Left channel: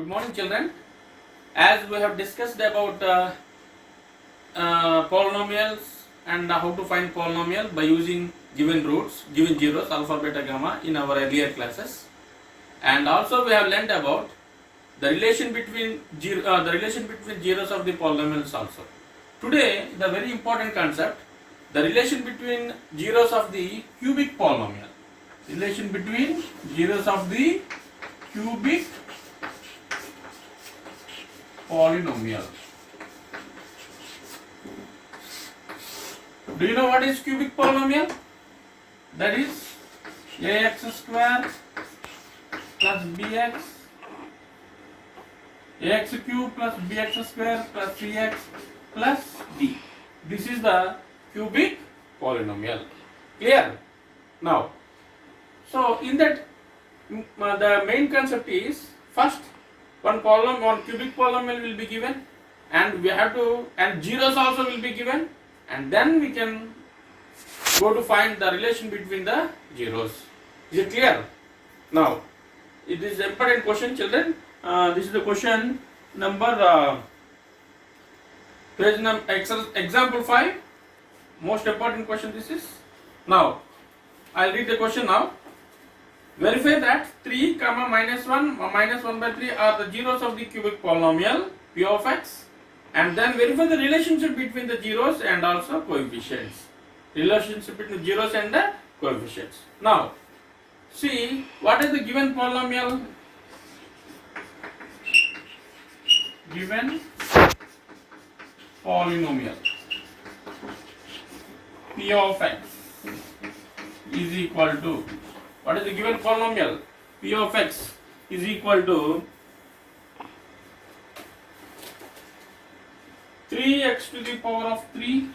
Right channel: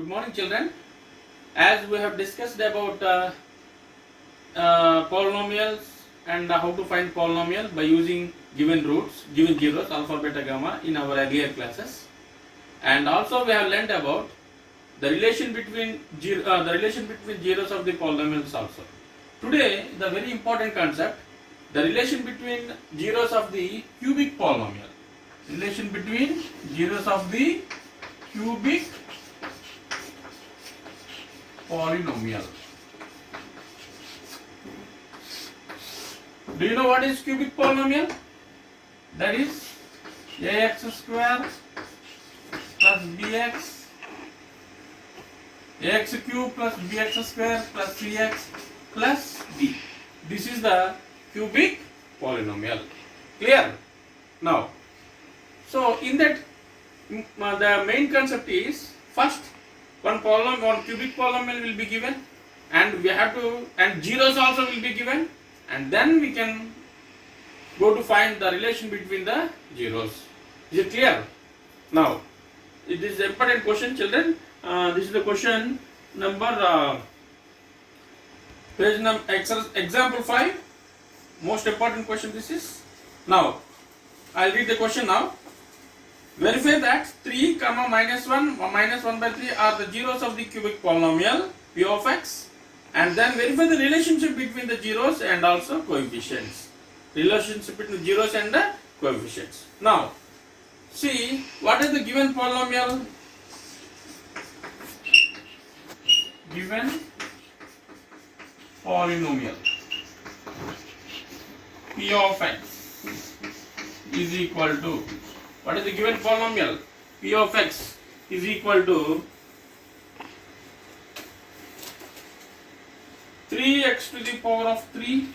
Good morning, children. As we have discussed about polynomials and how to find polynomial by using given roots, given zeros, alpha, beta, gamma in our earlier classes, and also we have learnt about the relation between zeros of the polynomials also. Today, the very important concept, the relation between zeros of the cubic polynomial. Relation between zeros of the cubic polynomial. Do you know what is cubic polynomial? That is ax square plus bx, ax cube plus bx square plus cx plus d. This is the cubic polynomial. Clear? Now, so in that the main concept is first one cubic polynomial will be given, and we have to, and zeros also will be given, and then we can go to find the relation between the zeros. Is it clear? Now, it is an important question, children. This is the question number example 5. Most important question this is. Now, I'll read the question now. Verify that 3, minus 1, minus 1 by 3 are the zeros of the cubic polynomial p of x, and then verify the relationship between the zeros and also coefficients. Relationship between zeros and the coefficients. Now, see what is the given polynomial? Given polynomial p of x is equal to, what is the given polynomial? P of x is equal to 3x to the power of 3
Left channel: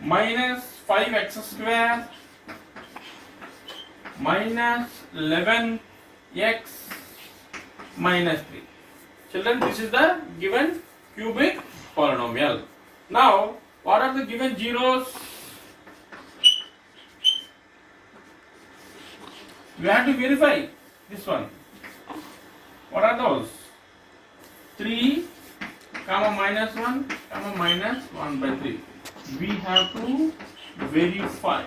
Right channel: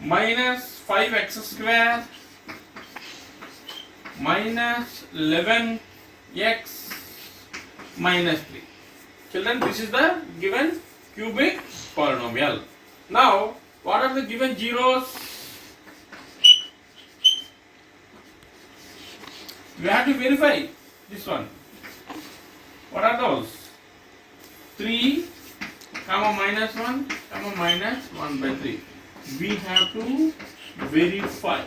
minus 5x square minus 11x minus 3. Children, this is the given cubic polynomial. Now, what are the given zeros? We have to verify this one. What are those? 3, minus 1, minus 1 by 3. We have to verify.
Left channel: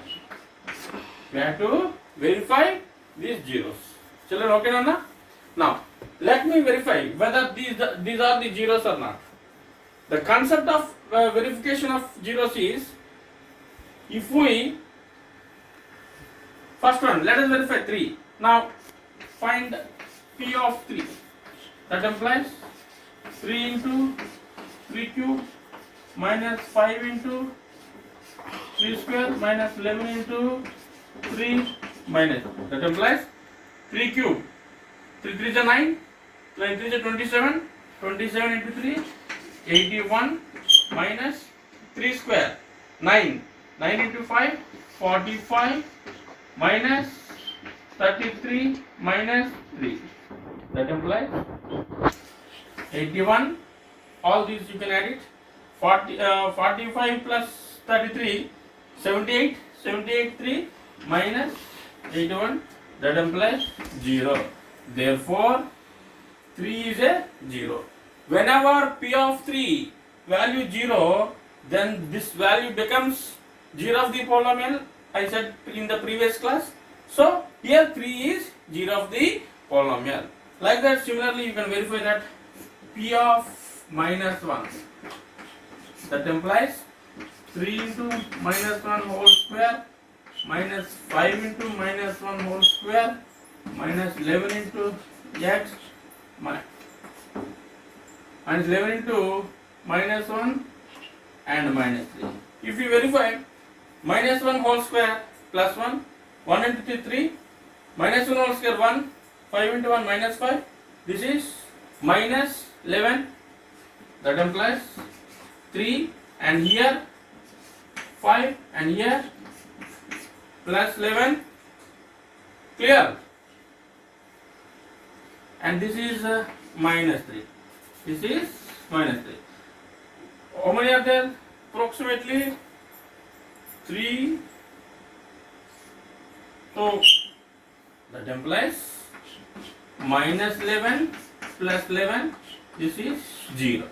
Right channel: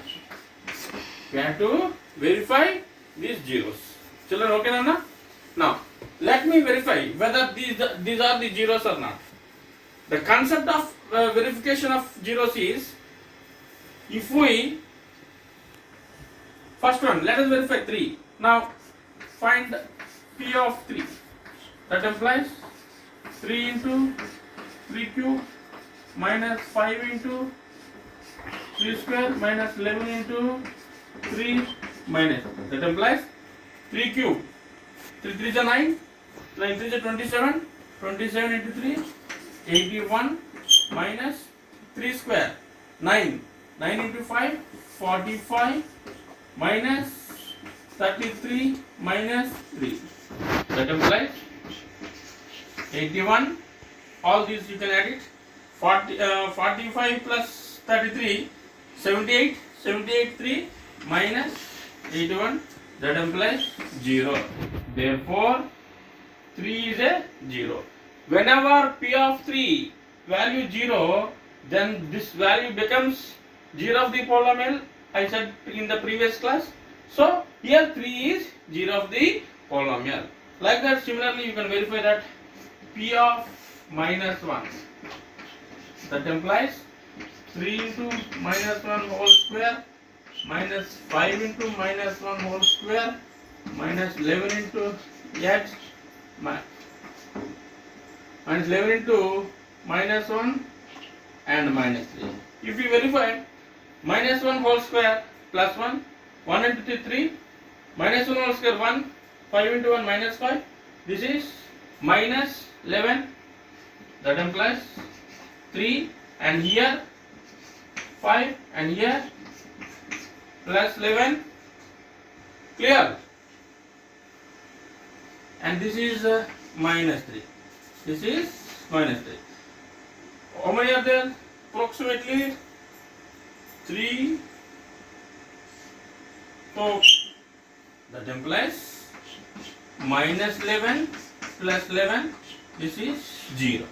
We have to verify these zeros. Children, okay, Nana? Now, let me verify whether these are the zeros or not. The concept of verification of zeros is, if we, first one, let us verify 3. Now, find p of 3. That implies 3 into 3 cube minus 5 into 3 square minus 11 into 3 minus. That implies 3 cube. 3 3 is 9, 9 3 is 27, 27 into 3, 81 minus 3 square, 9, 9 into 5, 45 minus 33 minus 3. That implies 81. All these you can add it. 45 plus 33, 78, 78 3 minus 81. That implies 0. Therefore, 3 is a 0. Whenever p of 3 value 0, then this value becomes 0 of the polynomial. I said in the previous class. So, here 3 is 0 of the polynomial. Like that, similarly, you can verify that p of minus 1. That implies 3 into minus 1 whole square minus 5 into minus 1 whole square minus 11 into x minus 11 into minus 1 and minus 3. If you verify minus 1 whole square plus 1, 1 into 3, minus 1 whole square 1, 5 into 1 minus 5, this is minus 11, that implies 3, and here 5 and here plus 11, clear? And this is minus 3. This is minus 3. How many are there? Approximately 3. So that implies minus 11 plus 11, this is 0.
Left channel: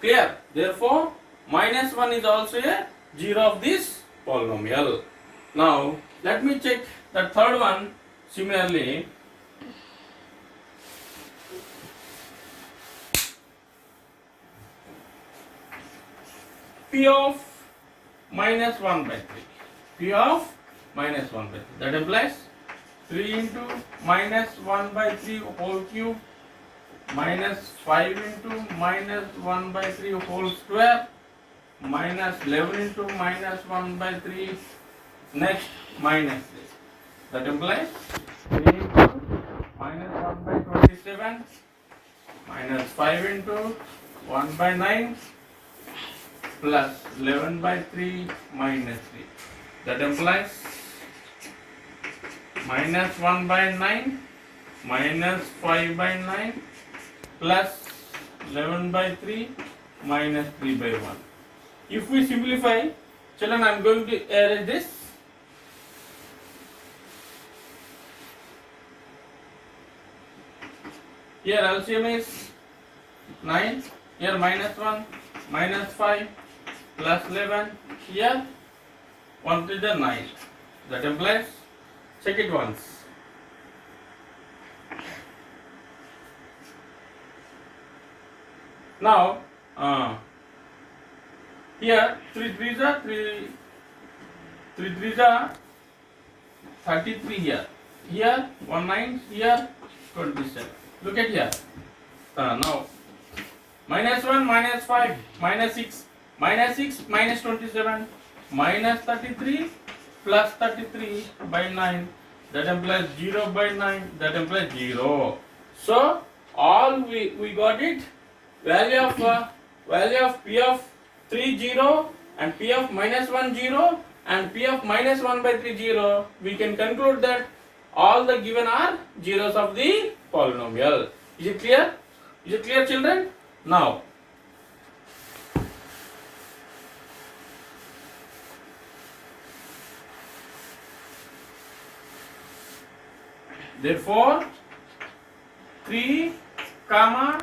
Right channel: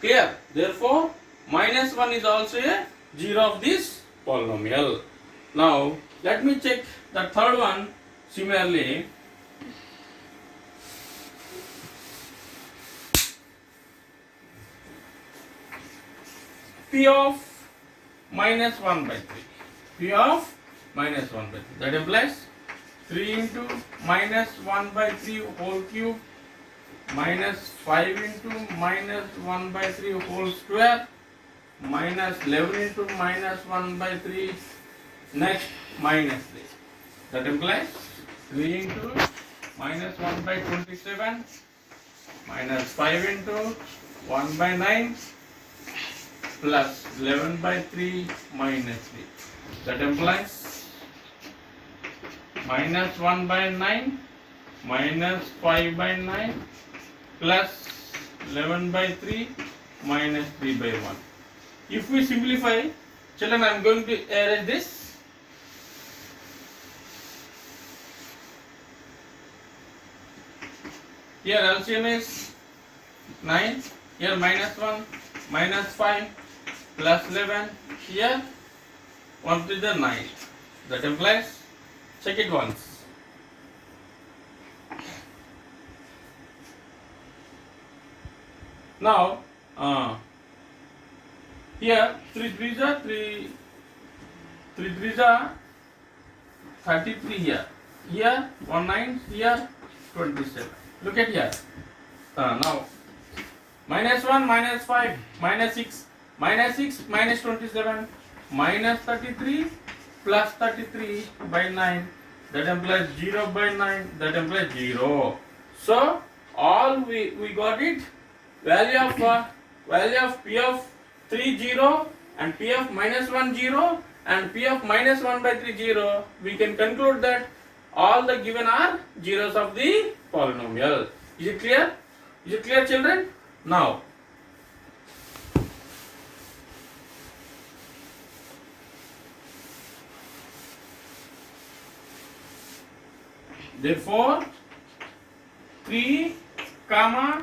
Clear? Therefore, minus 1 is also a 0 of this polynomial. Now, let me check the third one. Similarly, P of minus 1 by 3. P of minus 1 by 3. That implies 3 into minus 1 by 3 whole cube minus 5 into minus 1 by 3 whole square minus 11 into minus 1 by 3, next minus 3. That implies 3 into minus 1 by 27 minus 5 into 1 by 9 plus 11 by 3 minus 3. That implies minus 1 by 9 minus 5 by 9 plus 11 by 3 minus 3 by 1. If we simplify, children, I am going to arrange this. Here LCM is 9, here minus 1, minus 5, plus 11, here 1 to the 9. That implies, check it once. Now, here 3 3s are 33 here. Here 1 9, here 27. Look at here. Now, minus 1, minus 5, minus 6, minus 6, minus 27, minus 33, plus 33 by 9. That implies 0 by 9. That implies 0. So, all we got it. Value of P of 3 0 and P of minus 1 0 and P of minus 1 by 3 0. We can conclude that all the given are zeros of the polynomial. Is it clear? Is it clear, children? Now, therefore 3 comma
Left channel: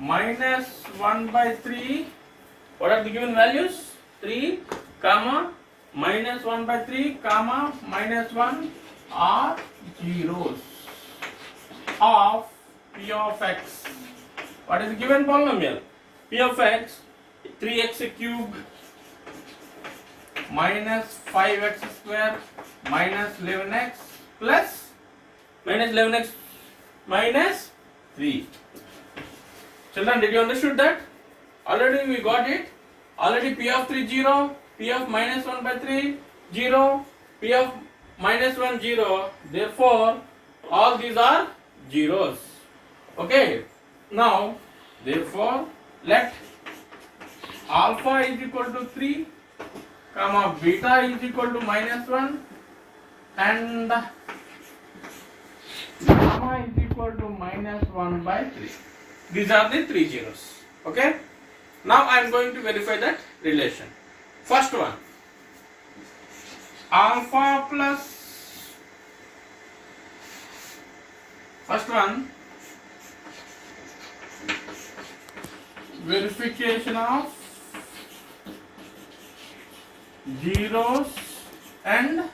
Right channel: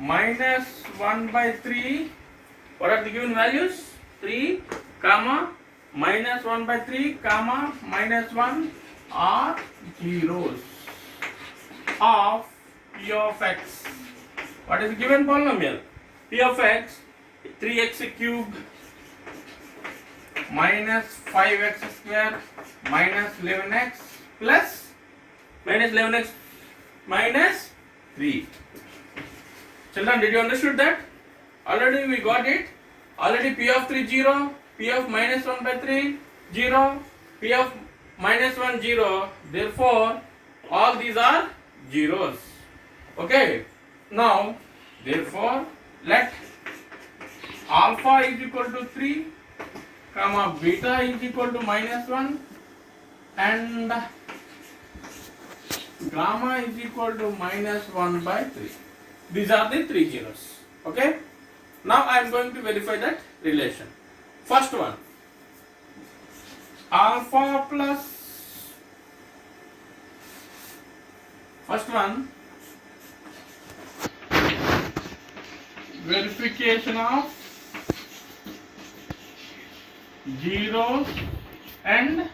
minus 1 by 3, what are the given values? 3 comma minus 1 by 3 comma minus 1 are zeros of P of x. What is the given polynomial? P of x 3x cube minus 5x square minus 11x plus minus 11x minus 3. Children, did you understood that? Already we got it. Already P of 3 0, P of minus 1 by 3 0, P of minus 1 0. Therefore, all these are zeros. Okay. Now, therefore, let alpha is equal to 3, comma beta is equal to minus 1 and gamma is equal to minus 1 by 3. These are the 3 zeros. Okay. Now I am going to verify that relation. First one, alpha plus, first one, verification of zeros and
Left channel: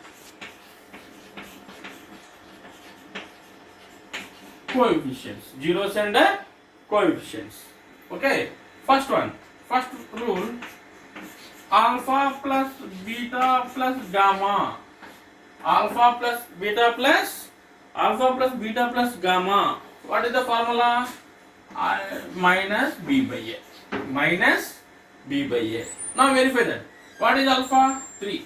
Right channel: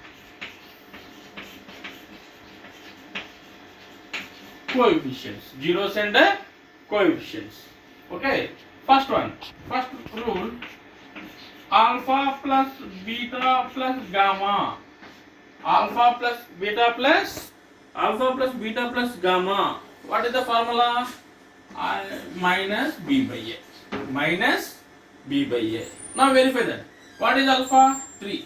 coefficients. Zeros and coefficients. Okay. First one, first rule, alpha plus beta plus gamma. Alpha plus beta plus gamma. What is the formula? Minus b by a. Minus b by a. Now verify that. What is alpha? 3.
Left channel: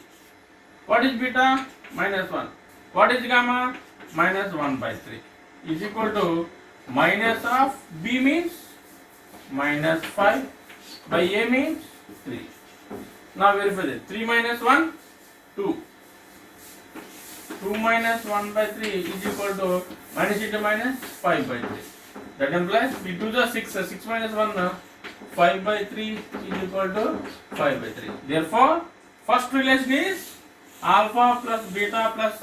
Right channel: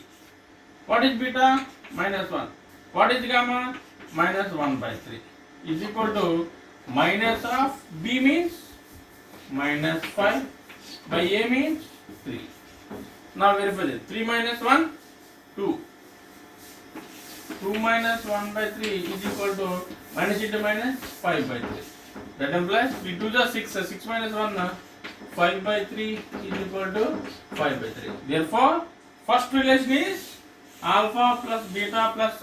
What is beta? Minus 1. What is gamma? Minus 1 by 3. Is equal to minus of b means minus 5 by a means 3. Now verify that. 3 minus 1, 2. 2 minus 1 by 3 is equal to minus into minus 5 by 3. That implies we do the 6. 6 minus 1, 5 by 3 is equal to 5 by 3. Therefore, first relation is alpha plus beta plus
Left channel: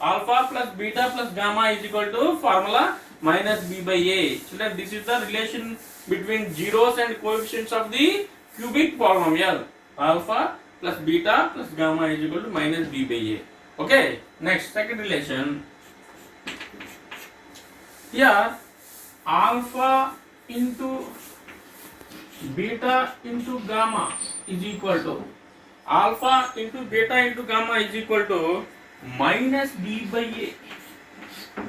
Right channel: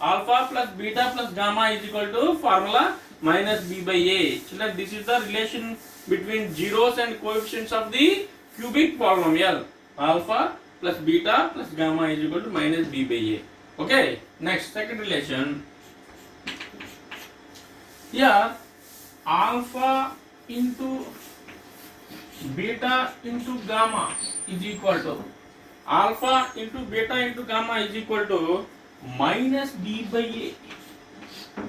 alpha plus beta plus gamma is equal to formula minus b by a. Children, this is the relation between zeros and coefficients of the cubic polynomial. Alpha plus beta plus gamma is equal to minus b by a. Okay, next second relation. Here alpha into beta into gamma is equal to alpha into beta into gamma is equal to minus b by a.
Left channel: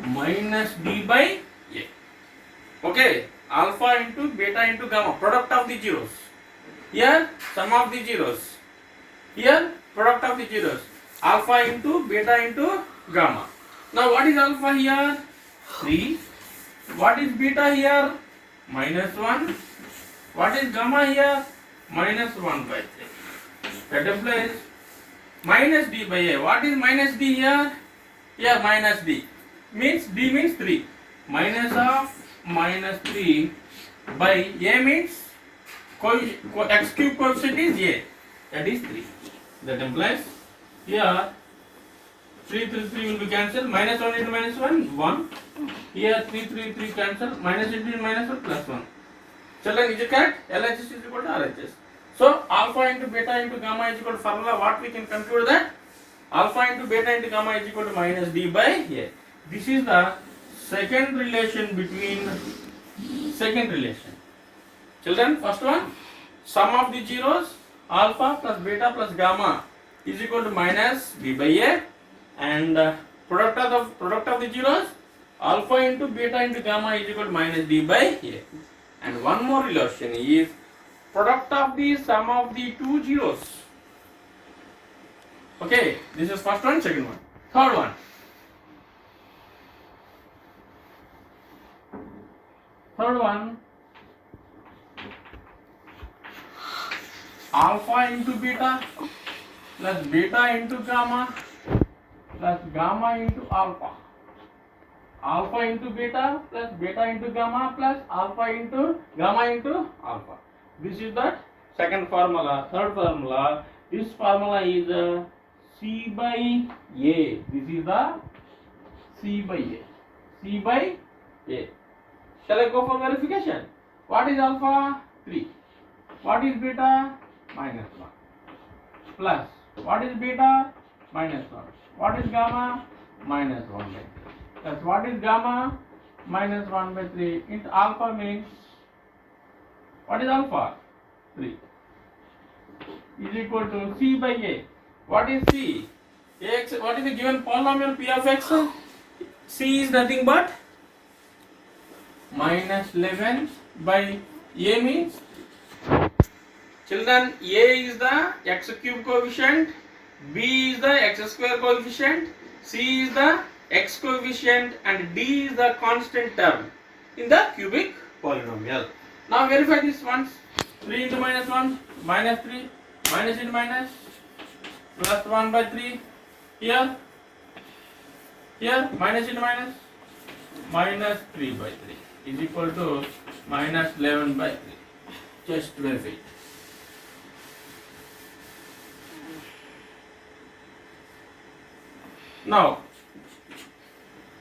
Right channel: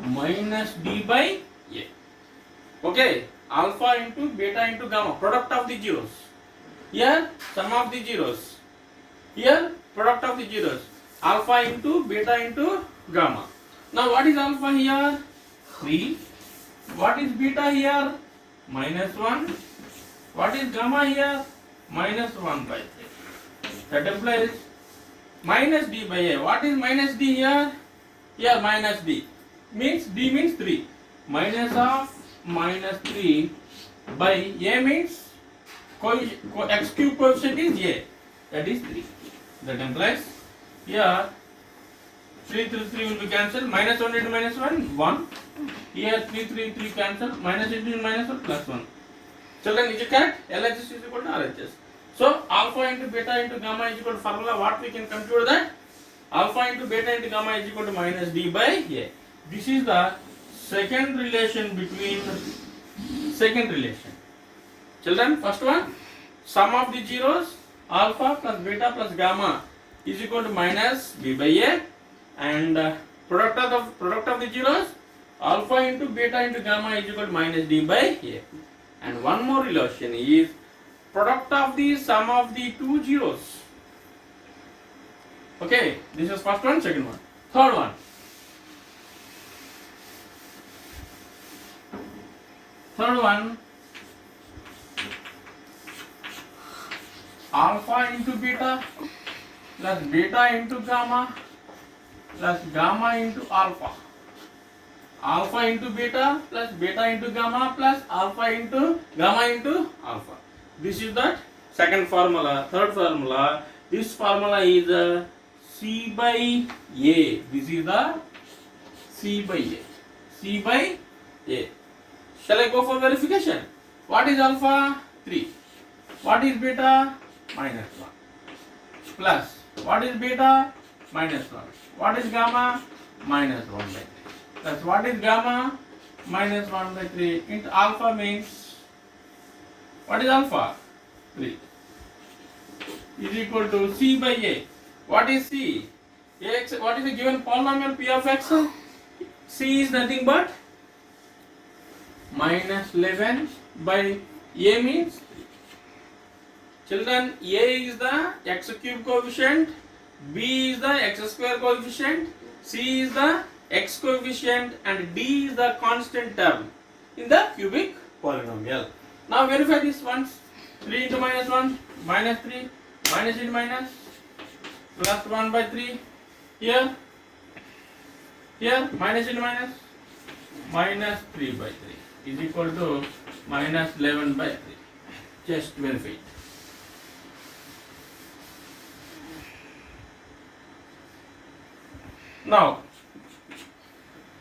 Minus b by a. Okay, alpha into beta into gamma, product of the zeros. Here sum of the zeros. Here product of the zeros. Alpha into beta into gamma. Now what is alpha here? 3. What is beta here? Minus 1. What is gamma here? Minus 1 by 3. That implies minus d by a. What is minus d here? Here minus d. Means d means 3. Minus of minus 3 by a means x cube coefficient is a. That is 3. That implies here 3 will be cancelled. Minus 1 into minus 1, 1. Here 3 cancel. Minus into minus 1 plus 1. Children, is it correct? LHS is equal to RHS. So alpha into beta into gamma is equal to formula. What we can conclude that alpha into beta into gamma is equal to minus d by a. This is the second relation between second relation. Children, first one, sum of the zeros alpha plus beta plus gamma is equal to minus b by a, and product of the zeros alpha into beta into gamma is equal to minus d by a. And one more relation is product of the sum of the two zeros. Okay, this is first one, second one. Third one. Third one, alpha into beta plus beta into gamma plus gamma into alpha. Alpha into beta plus beta into gamma plus alpha into gamma into alpha. This is the second formula. Third formula, this formula is C by A. This is the C by A. C by A. Shall I go for verification? What is alpha? 3. What is beta? Minus 1. Plus, what is beta? Minus 1. What is gamma? Minus 1 by 3. That's what is gamma? Minus 1 by 3 into alpha means, what is alpha? 3 is equal to C by A. What is C? Ax, what is the given polynomial P of x? C is nothing but minus 11 by A means, children, A is the x cube coefficient, B is the x square coefficient, C is the x coefficient, and D is the constant term in the cubic polynomial. Now verify this once. 3 into minus 1, minus 3, minus into minus, plus 1 by 3. Here, minus into minus, minus 3 by 3 is equal to minus 11 by 3. Just verify it. Now,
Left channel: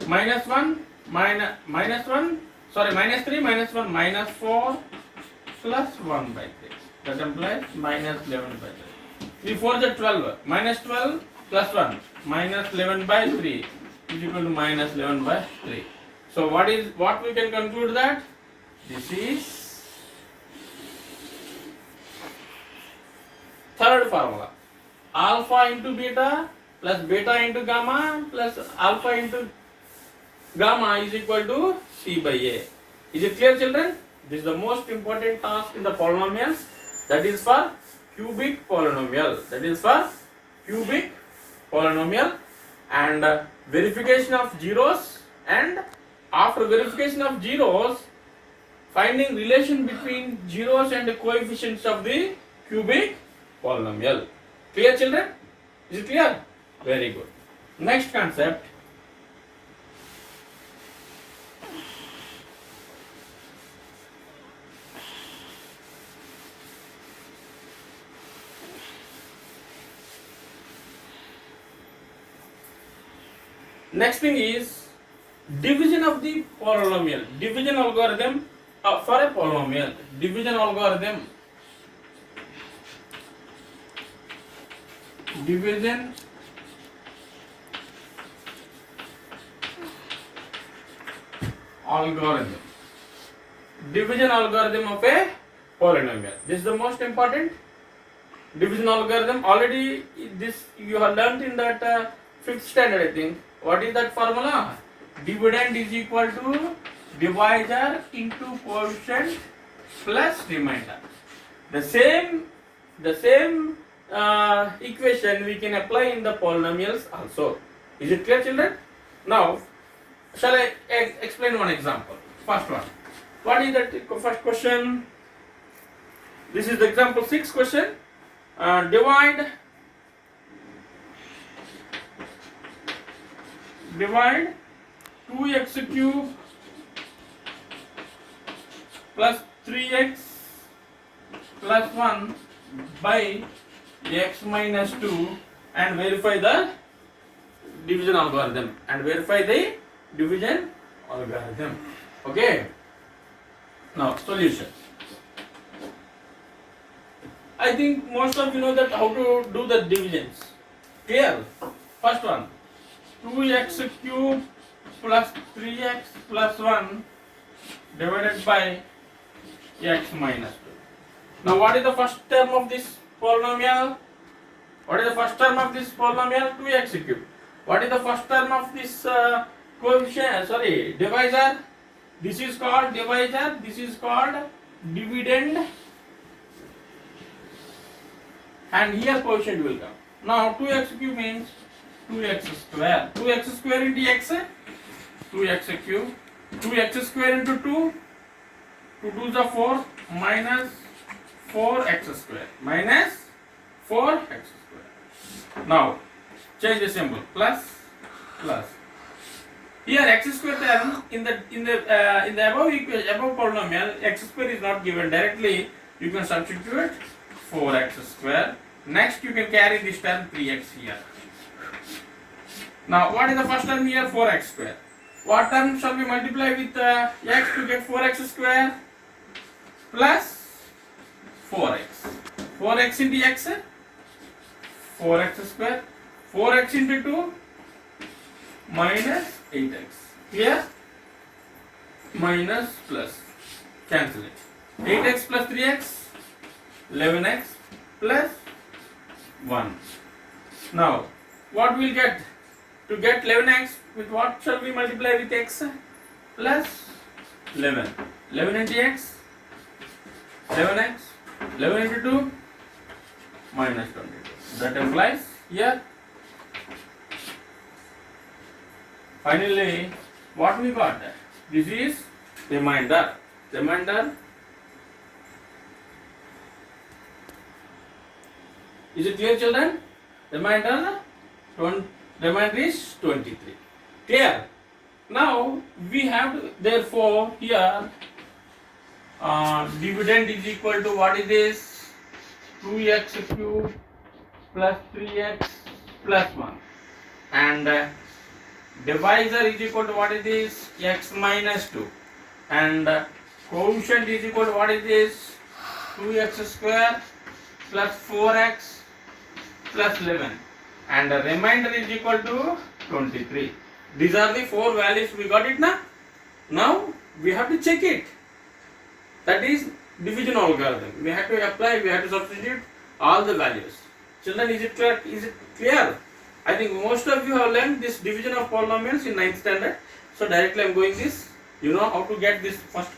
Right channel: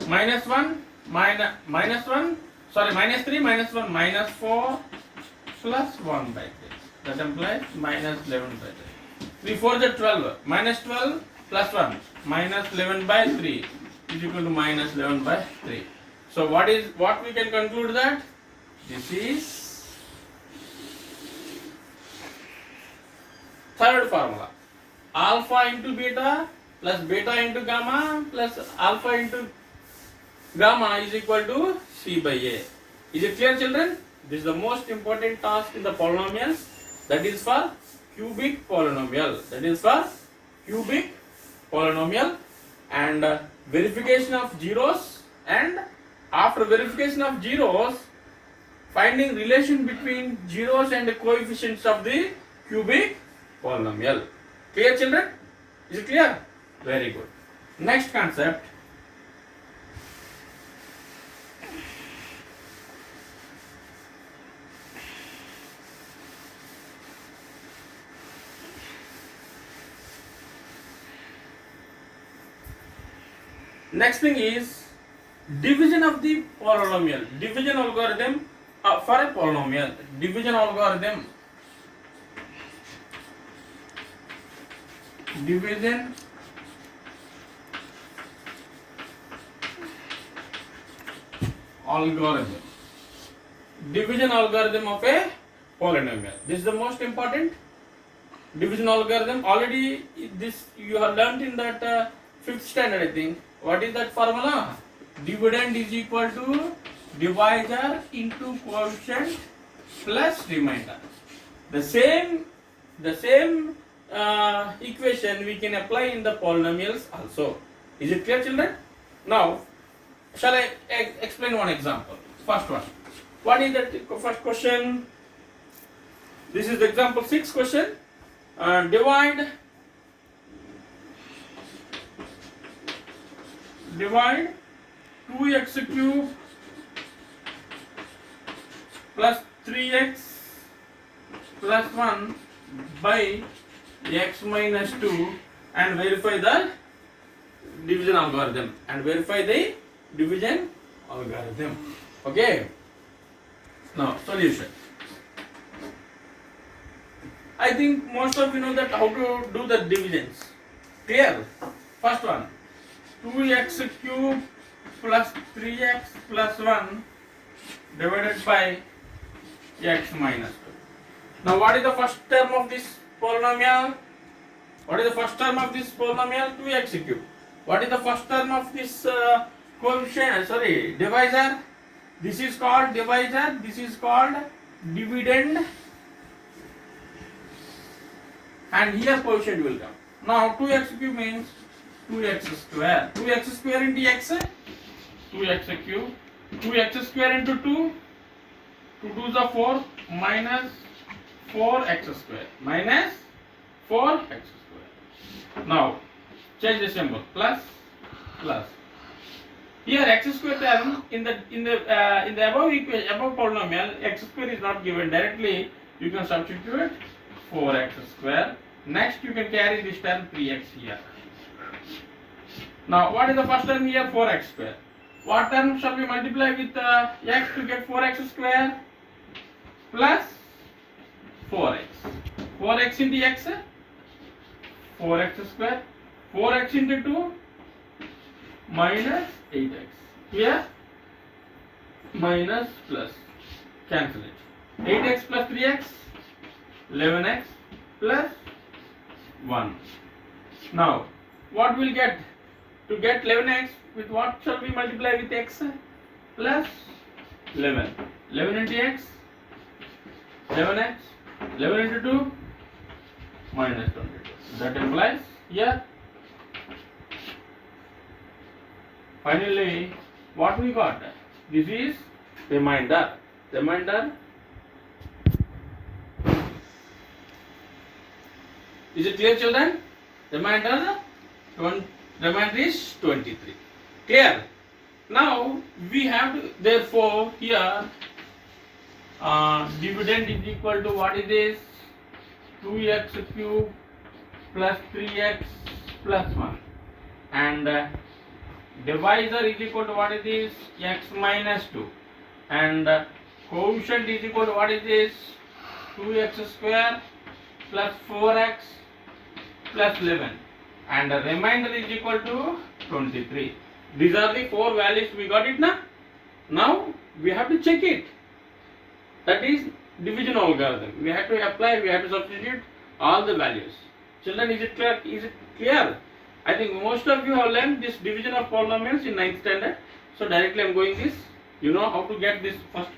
minus 3, minus 1, minus 4, plus 1 by 3. That implies minus 11 by 3. 3 4 is 12. Minus 12 plus 1. Minus 11 by 3 is equal to minus 11 by 3. So what we can conclude that? This is third formula. Alpha into beta plus beta into gamma plus alpha into gamma is equal to C by A. Is it clear, children? This is the most important task in the polynomials. That is for cubic polynomial. And verification of zeros, and after verification of zeros, finding relation between zeros and the coefficients of the cubic polynomial. Clear, children? Is it clear? Very good. Next concept. Next thing is division of the polynomial. Division algorithm for a polynomial. Division algorithm. Division algorithm. Division algorithm of a polynomial. This is the most important division algorithm. Already this you have learnt in that 5th standard, I think. What is that formula? Dividend is equal to divisor into quotient plus remainder. The same equation we can apply in the polynomials also. Is it clear, children? Now, shall I explain one example? First one. What is the first question? This is the example 6 question. Divide 2x cube plus 3x plus 1 by x minus 2 and verify the division algorithm. Okay. Now solution. I think most of you know that how to do the divisions. Clear? First one, 2x cube plus 3x plus 1 divided by x minus 2. Now what is the first term of this polynomial? 2x cube. What is the first term of this divisor? This is called divisor, this is called dividend, and here quotient will come. Now 2x cube means 2x square. 2x square into x, 2x cube. 2x square into 2, 2 2s are 4, minus 4x square. Now change the symbol, plus. Here x square term in the above equation, above polynomial, x square is not given directly. You can substitute 4x square. Next you can carry this term 3x here. Now what is the first term here? 4x square. What term shall we multiply with x to get 4x square? Plus 4x. 4x into x, 4x square. 4x into 2, minus 8x. Here minus plus, cancel it. 8x plus 3x, 11x plus 1. Now what we'll get? To get 11x, with what shall we multiply with x? Plus 11. 11 into x, 11x. 11 into 2, minus 22. That implies here. Finally, what we got? This is remainder. Is it clear, children? Remainder is 23. Clear? Now we have therefore here dividend is equal to what is this? 2x cube plus 3x plus 1, and divisor is equal to what is this? X minus 2, and quotient is equal to what is this? 2x square plus 4x plus 11, and the remainder is equal to 23. These are the 4 values. We got it now. Now we have to check it. That is division algorithm. We have to apply, we have to substitute all the values. Children, is it clear? I think most of you have learned this division of polynomials in 9th standard. So directly I am going this. You know how to get this first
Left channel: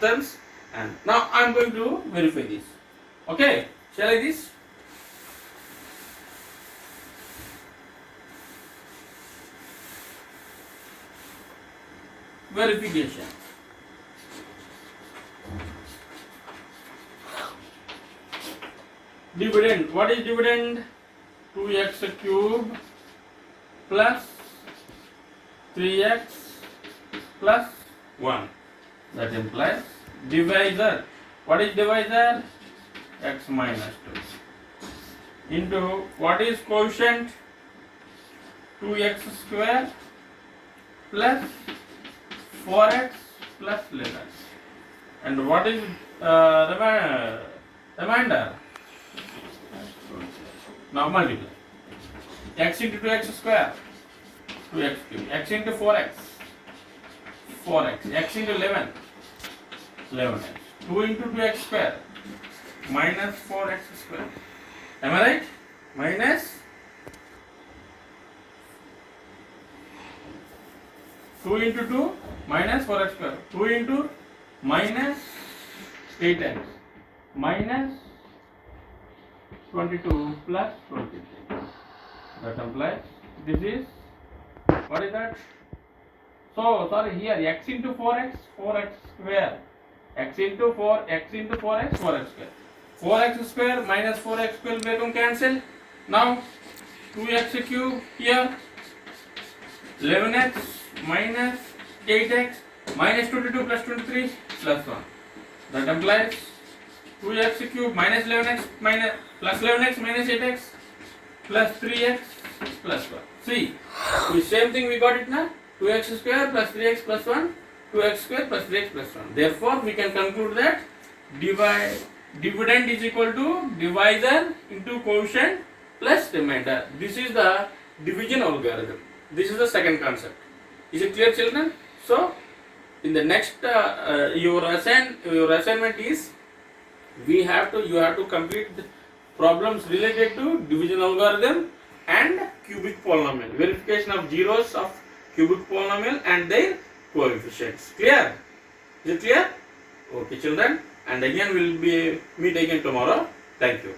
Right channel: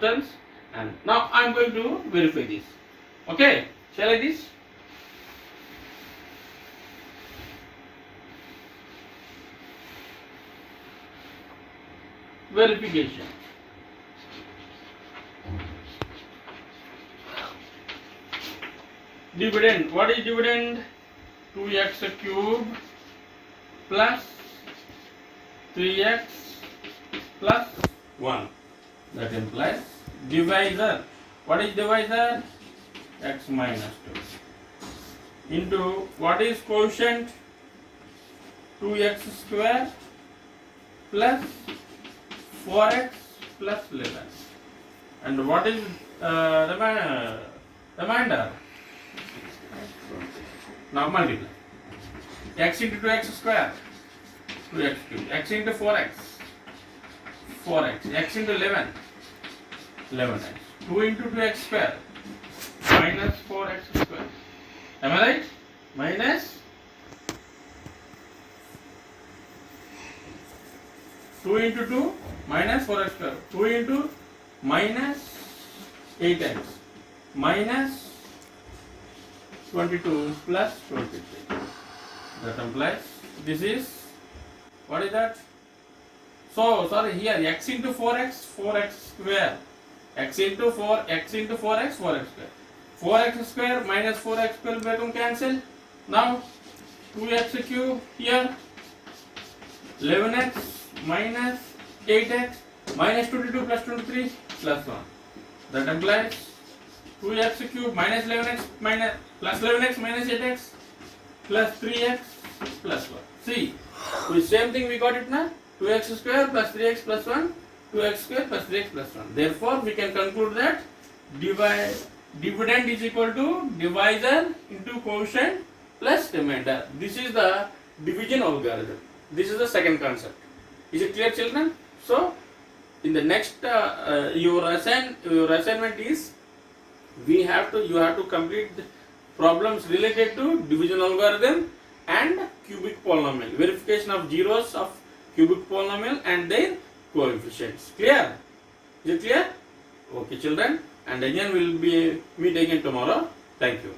terms, and now I am going to verify this. Okay, shall I this? Verification. Dividend. What is dividend? 2x cube plus 3x plus 1. That implies divisor. What is divisor? X minus 2 into what is quotient? 2x square plus 4x plus 11. And what is remainder? Now multiply. X into 2x square, 2x cube. X into 4x, 4x. X into 11, 11x. 2 into 2x square minus 4x square. Am I right? Minus 2 into 2 minus 4x square. 2 into minus 8x minus 22 plus 23. That implies this is, what is that? So sorry, here x into 4x, 4x square. X into 4x, 4x square. 4x square minus 4x square will cancel. Now 2x cube here, 11x minus 8x minus 22 plus 23 plus 1. That implies 2x cube minus 11x minus plus 11x minus 8x plus 3x plus 1. See, with same thing we got it now. 2x square plus 3x plus 1, 2x square plus 3x plus 1. Therefore, we can conclude that dividend is equal to divisor into quotient plus remainder. This is the division algorithm. This is the second concept. Is it clear, children? So, in the next your assignment is you have to complete the problems related to division algorithm and cubic polynomial, verification of zeros of cubic polynomial and their coefficients. Clear? Is it clear? Okay, children. And again we will meet again tomorrow. Thank you.